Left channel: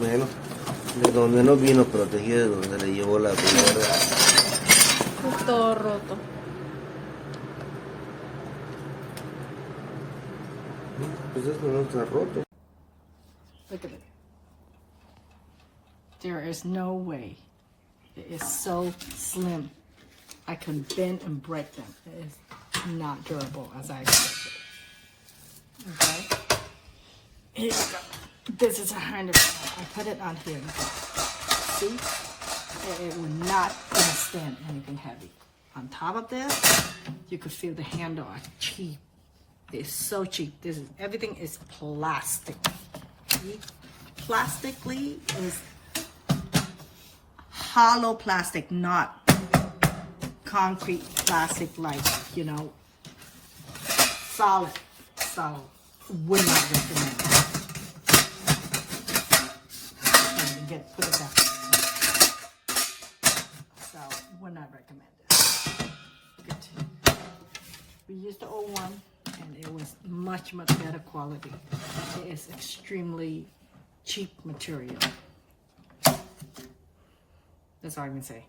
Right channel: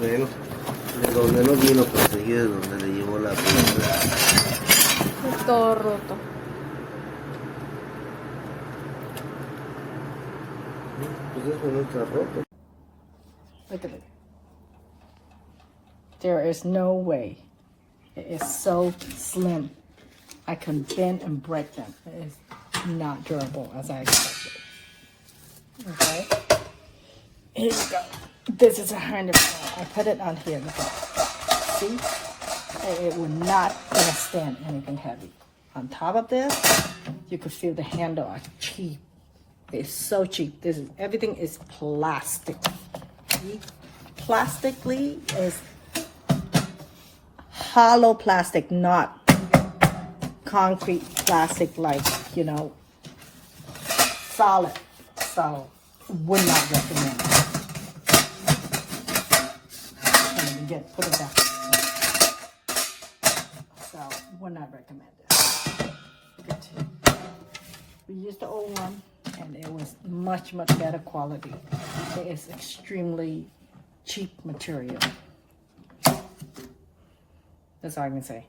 Bueno, de donde no vino protegido, de donde le llevó la pelota. Es todo roto. Pues es que no está roto. Look at it. There is no way. It is so slim. I can bend and break them. It is not durable as I expected. Okay. Here you go. This is $100. I put it on here. Look at it. See? It would not gonna stand anything heavy. On top of this, you could feel the handle are cheap. It's so cheap. This is everything is plastic. See? Plastically is hollow plastic, not concrete plastic like, you know, solid. So would not recommend it. Put it down. So would not recommend it. Look at it. We used the old one and it was much better quality. It is extremely cheap material. That's all I can say.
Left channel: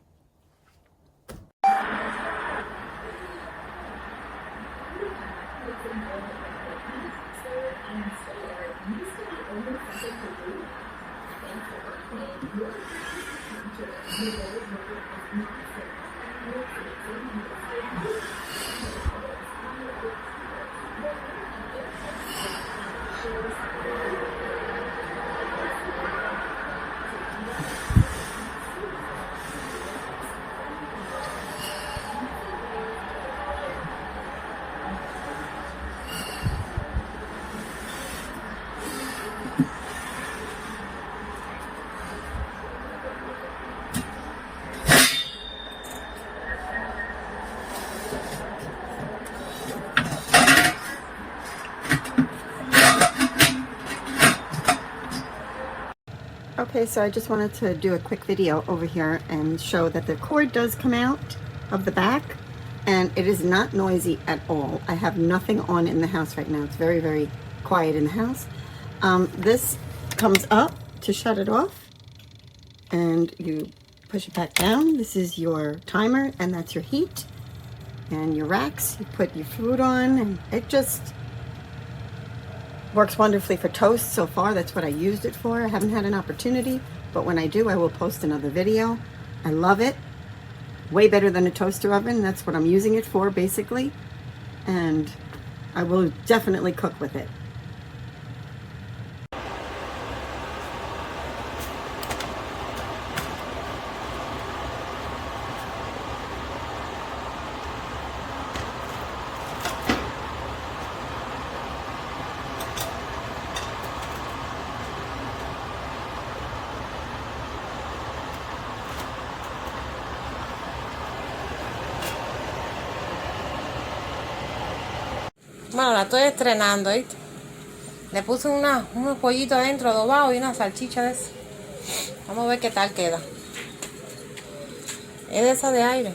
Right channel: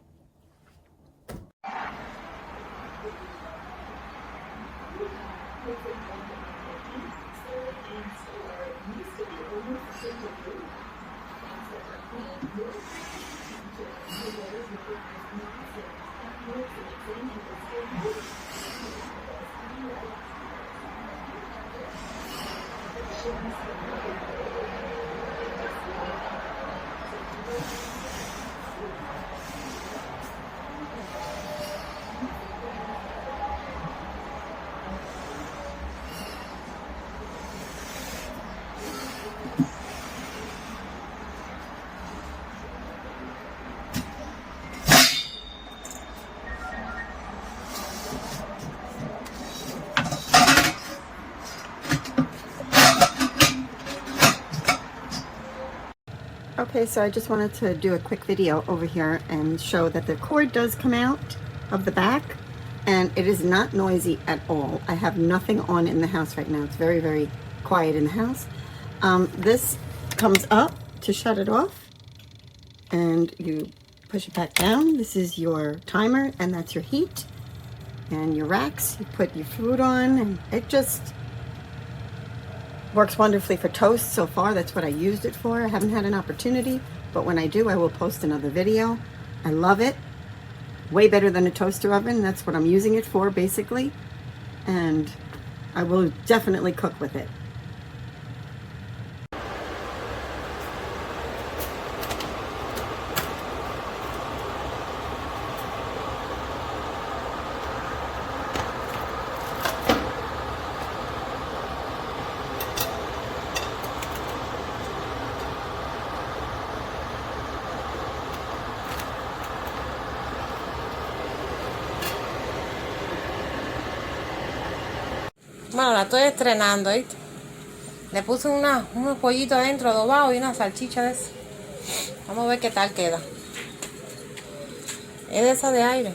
Okay, so I just wanted to do a quick video over here and show that the cord does come out of the back and it is not noisy at all. I have nothing on in the house right now. It's very quiet in the house. This comes up to shut it off and you push it back down. This is your timer and that's your heat and your racks. You put your food on and it just works wonderfully for toast so far. That's what I used it for. I haven't had an opportunity, but when I do, I will post another video. I love it. Way better than a toaster oven. That's what I'm using it for, basically. And I will definitely cook with it. Bueno, la estoy estrenando, ¿viste? Le puse unos pollitos adentro adobados y una salchicha de eso. Vamos a ver qué tal queda. Es de esa de aire.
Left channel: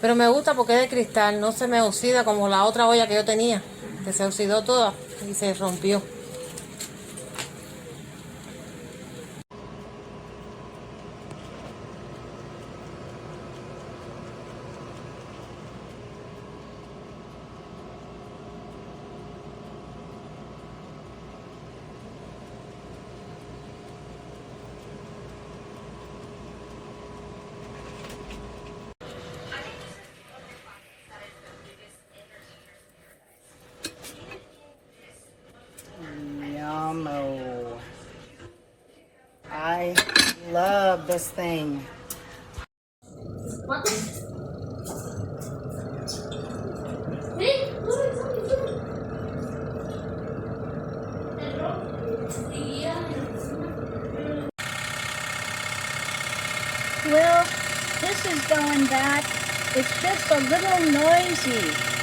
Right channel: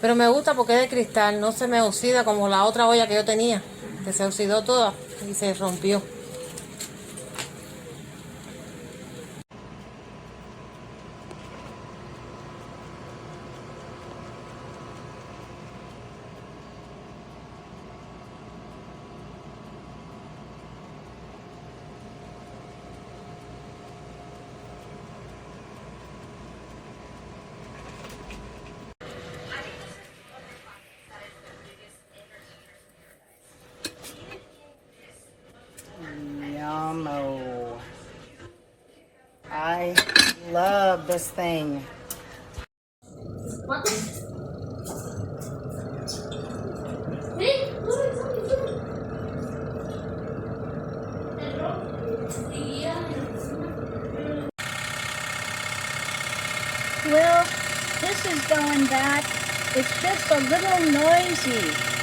Pero me gusta porque es de cristal, no se me oxida como la otra olla que yo tenía, que se oxidó toda y se rompió. Yummo. I love this thing. Well, this is going back. It's just a little noisy.